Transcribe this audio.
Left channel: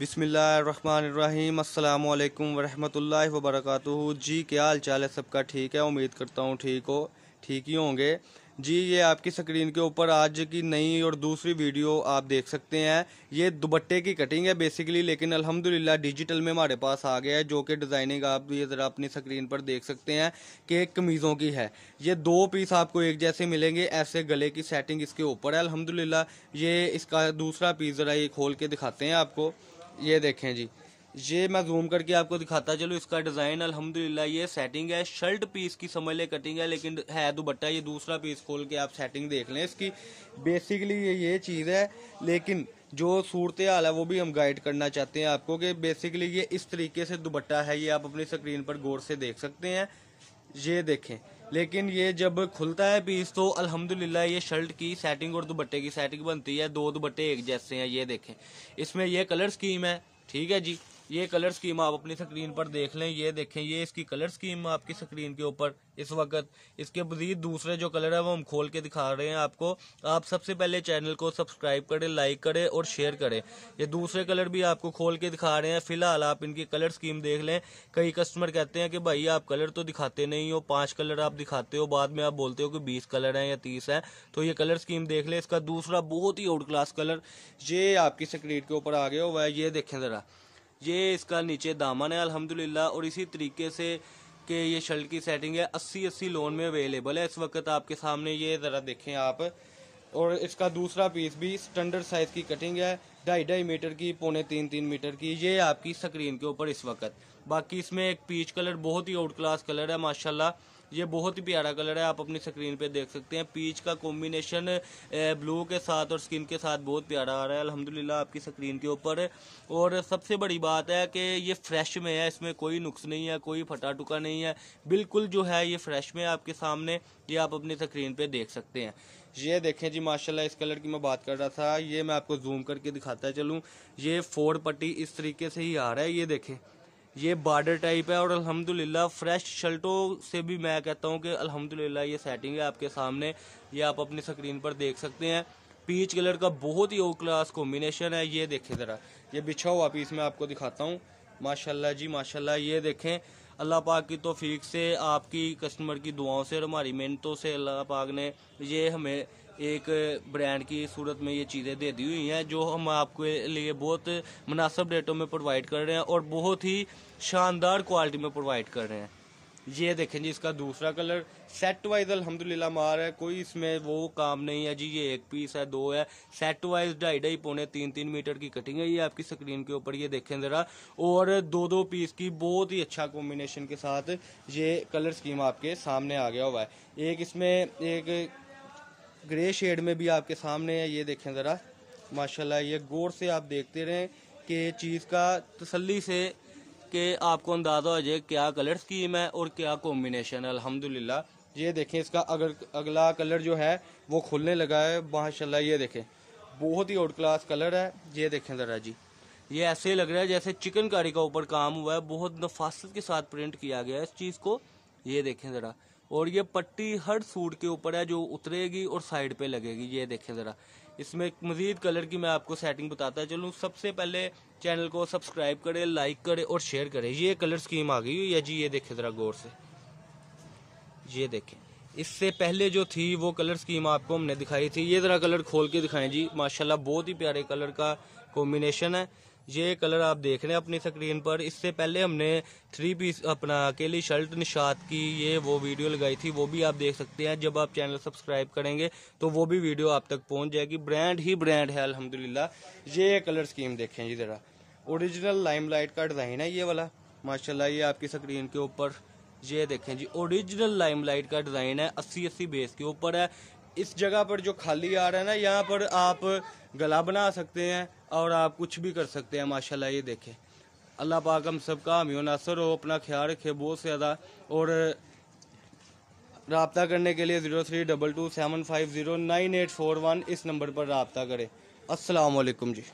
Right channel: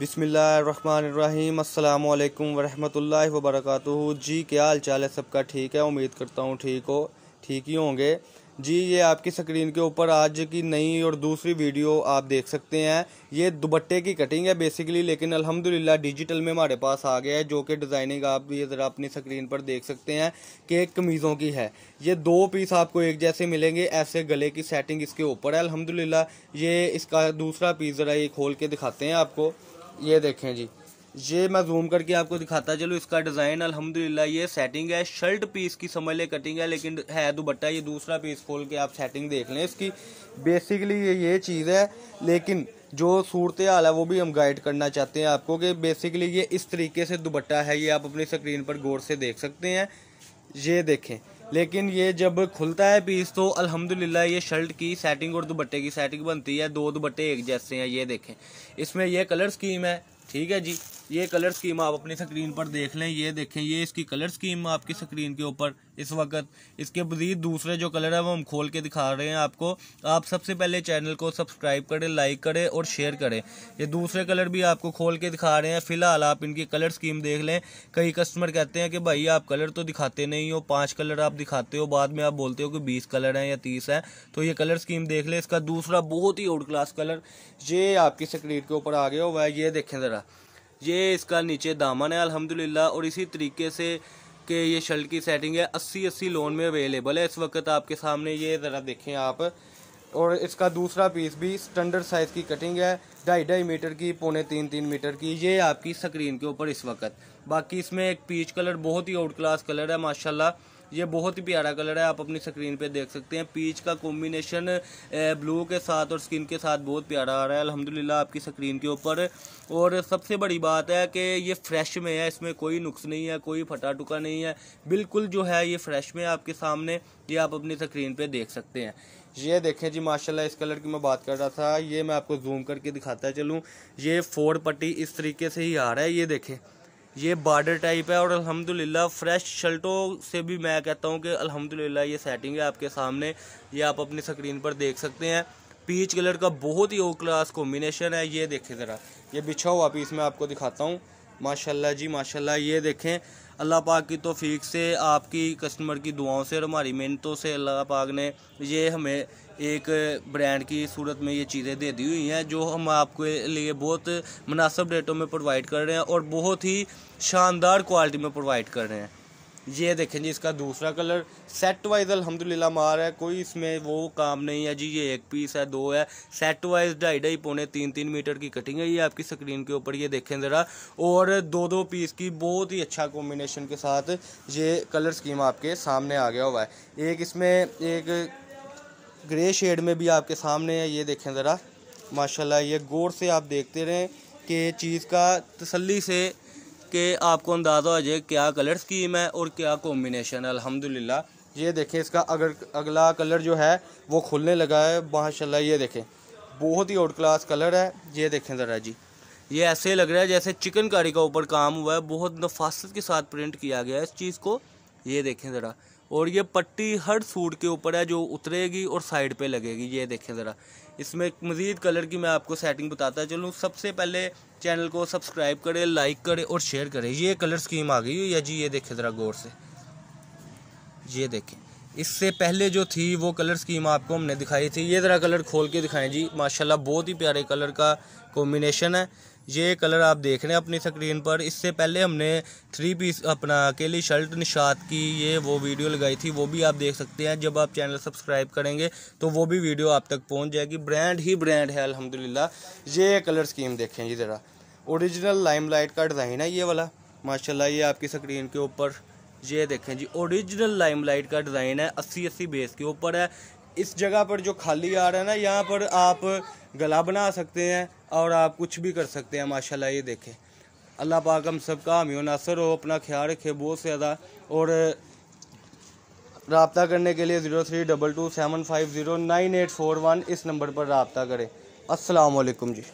बिस्मिल्लाहिर्रहमानिर्रहीम अस्सलामुअलैकुम वरहमतुल्लाहि वबरकातुहू। जी क्या हाल चाल है सबका? ठीक है, उम्मीद करता हूँ ठीक ही होंगे जी। ये आपकी स्क्रीन के ऊपर आज की नई और दूसरी वीडियो आप देख सकते हैं। ये दुपट्टे की कटिंग है बेसिकली, लेकिन अल्हम्दुलिल्लाह डिजिटल में हमारे पास आ गया है, जो कि डिज़ाइनिंग आप ये ज़रा अपनी स्क्रीन पर देख सकते हैं कि कमीज़ों की है। ये दो पीस आपको एक जैसे मिलेंगे, ऐसे गले की सेटिंग इसके ऊपर है अल्हम्दुलिल्लाह। ये इसका दूसरा पीस ज़रा ये खोल के दिखाते हैं आपको। ये देखें जी, ये मैं जूम करके आपको दिखाता चलो। इसका डिज़ाइन अल्हम्दुलिल्लाह ये सेटिंग है, शर्ट पीस की समझ ले कटिंग है, लेकिन है दुपट्टा। ये दूसरा पीस खोल के आप सेटिंग देख लें इसकी। बेसिकली ये चीज़ है, लेकिन जो सूरत हाल है वो भी हम गाइड करना चाहते हैं आपको कि बेसिकली ये इस तरीके से दुपट्टा है। ये आप अपनी स्क्रीन पर गौर से देख सकते हैं, ये देखें। लेकिन ये जब खुलता है पीस तो अल्हम्दुलिल्लाह ये शर्ट की सेटिंग और दुपट्टे की सेटिंग बनती है। दो दुपट्टे एक जैसे हैं, ये देखें। इसमें ये कलर स्कीम है, ठीक है जी। ये कलर स्कीम आप अपनी स्क्रीन पर देख लें, ये देखें। ये इसकी कलर स्कीम आपकी स्क्रीन के ऊपर इस वक्त। इसके मजीद दूसरे जो कलर है वो हम खोल के दिखा रहे हैं आपको। आप सबसे पहले चैनल को सब्सक्राइब करें, लाइक करें और शेयर करें। ये दूसरे कलर भी आपको खोल के दिखा रहे हैं। फिलहाल आप इनकी कलर स्कीम देख लें। कई कस्टमर कहते हैं कि भाई आप कलर तो दिखाते नहीं हो, 5 कलर आप दिखाते हो, बाद में आप बोलते हो कि 20 कलर हैं या 30 है। तो ये कलर स्कीम देख लें। इसका दूसरा बहुत ही आउट क्लास कलर ये आपकी स्क्रीन के ऊपर आ गया हुआ है, ये देखें ज़रा। ये इसका नीचे दामन है अल्हम्दुलिल्लाह, और इसी तरीके से कि ये शर्ट की सेटिंग है 80 लोन में अवेलेबल है इस वक्त आपके सामने। ये ज़रा देखें आप। और इसका दूसरा पीस भी स्टैंडर्ड साइज़ की कटिंग है, 2.5 मीटर की, 2.25-3 मीटर की। ये आपकी स्क्रीन के ऊपर इस वक्त। बाकी इसमें एक पीच कलर बहुत ही आउट क्लास कलर है माशाल्लाह। ये बहुत ही प्यारा कलर है, आप अपनी स्क्रीन पे देख सकते हैं। पीच का कॉम्बिनेशन ब्लू के साथ और स्किन के साथ बहुत प्यारा आ रहा है अल्हम्दुलिल्लाह आपकी स्क्रीन के ऊपर। और सबसे बड़ी बात है कि ये फ्रेश में है, इसमें कोई नुक्स नहीं है, कोई फटा टुका नहीं है, बिल्कुल जो है ये फ्रेश में आपके सामने। ये आप अपनी स्क्रीन पे देख सकते हैं। ये देखें जी माशाल्लाह, इस कलर की मैं बात कर रहा था। ये मैं आपको जूम करके दिखाता चलूँ। ये 4 पट्टी इस तरीके से ही आ रहा है, ये देखें। ये बॉर्डर टाइप है और अल्हम्दुलिल्लाह फ्रेश शर्टों से भी मैं कहता हूँ कि अल्हम्दुलिल्लाह ये सेटिंग है आपके सामने। ये आप अपनी स्क्रीन पर देख सकते हैं। पीच कलर का बहुत ही ओ क्लास कॉम्बिनेशन है, ये देखें ज़रा। ये बिछा हुआ पीस मैं आपको दिखाता हूँ माशाल्लाह जी माशाल्लाह। ये देखें, अल्लाह पाक की तौफीक से, आपकी कस्टमर की दुआओं से और हमारी मेहनतों से अल्लाह पाक ने ये हमें एक ब्रांड की सूरत में ये चीज़ें दे दी हुई हैं, जो हम आपके लिए बहुत मुनासिब रेटों में प्रोवाइड कर रहे हैं और बहुत ही शानदार क्वालिटी में प्रोवाइड कर रहे हैं। ये देखें जी, इसका दूसरा कलर सेट वाइज अल्हम्दुलिल्लाह मार है, कोई इसमें वो काम नहीं है जी। ये एक पीस है, दो है, सेट वाइज 2.5 2.25 मीटर की कटिंग है। ये आपकी स्क्रीन के ऊपर ये देखें ज़रा। और दो पीस की बहुत ही अच्छा कॉम्बिनेशन के साथ ये कलर स्कीम आपके सामने आ गया हुआ है। एक इसमें एक ग्रे शेड में भी आपके सामने है, ये देखें ज़रा माशाल्लाह। ये गौर से आप देखते रहें कि चीज़ का तसल्ली से कि आपको अंदाज़ा हो जाए क्या कलर स्कीम है और क्या कॉम्बिनेशन है अल्हम्दुलिल्लाह। ये देखें, इसका अगला कलर जो है वो खुलने लगा है माशाल्लाह। ये देखें, बहुत ही आउट क्लास कलर है, ये देखें ज़रा जी। ये ऐसे लग रहा है जैसे चिकनकारी का ऊपर काम हुआ है, बहुत नफासत के साथ प्रिंट किया गया है इस चीज़ को, ये देखें ज़रा। और ये पट्टी हर सूट के ऊपर है जो उतरेगी और साइड पे लगेगी, ये देखें ज़रा। इसमें मज़ीद कलर की मैं आपको सेटिंग बताता चलूँ। सबसे पहले चैनल को सब्सक्राइब करें, लाइक करें और शेयर करें। ये कलर स्कीम आ गई हुई है जी, ये देखें ज़रा गौर से। ये देखें, इससे पहले जो थी वो कलर स्कीम आपको हमने दिखाई थी। ये ज़रा कलर खोल के दिखाएं जी माशाल्लाह, बहुत ही प्यारे कलर का कॉम्बिनेशन है। ये कलर आप देख रहे हैं अपनी स्क्रीन पर। इससे पहले हमने 3 पीस अपना अकेली शर्ट निशात की ये वो वीडियो लगाई थी, वो भी आप देख सकते हैं। जब आप चैनल सब्सक्राइब करेंगे तो वो भी वीडियो आप तक पहुंच जाएगी। ब्रांड ही ब्रांड है अल्हम्दुलिल्लाह। ये कलर स्कीम देखें ये ज़रा, ओरिजिनल लाइमलाइट का डिज़ाइन है ये वाला माशाल्लाह। ये आपकी स्क्रीन के ऊपर ये देखें जी, ओरिजिनल लाइमलाइट का डिज़ाइन है, 80 बेस के ऊपर है। इस जगह पर जो खाली आ रहा है ना, यहाँ पर आप गला बना सकते हैं और आप कुछ भी कर सकते हैं माशाल्लाह। ये देखें, अल्लाह पाक हम सबका हामी व नासर हो, अपना ख्याल रखे बहुत ज़्यादा। और रब्ता करने के लिए 0322 750 9841 इस नंबर पर रब्ता करें। अस्सलाम वालेकुम जी।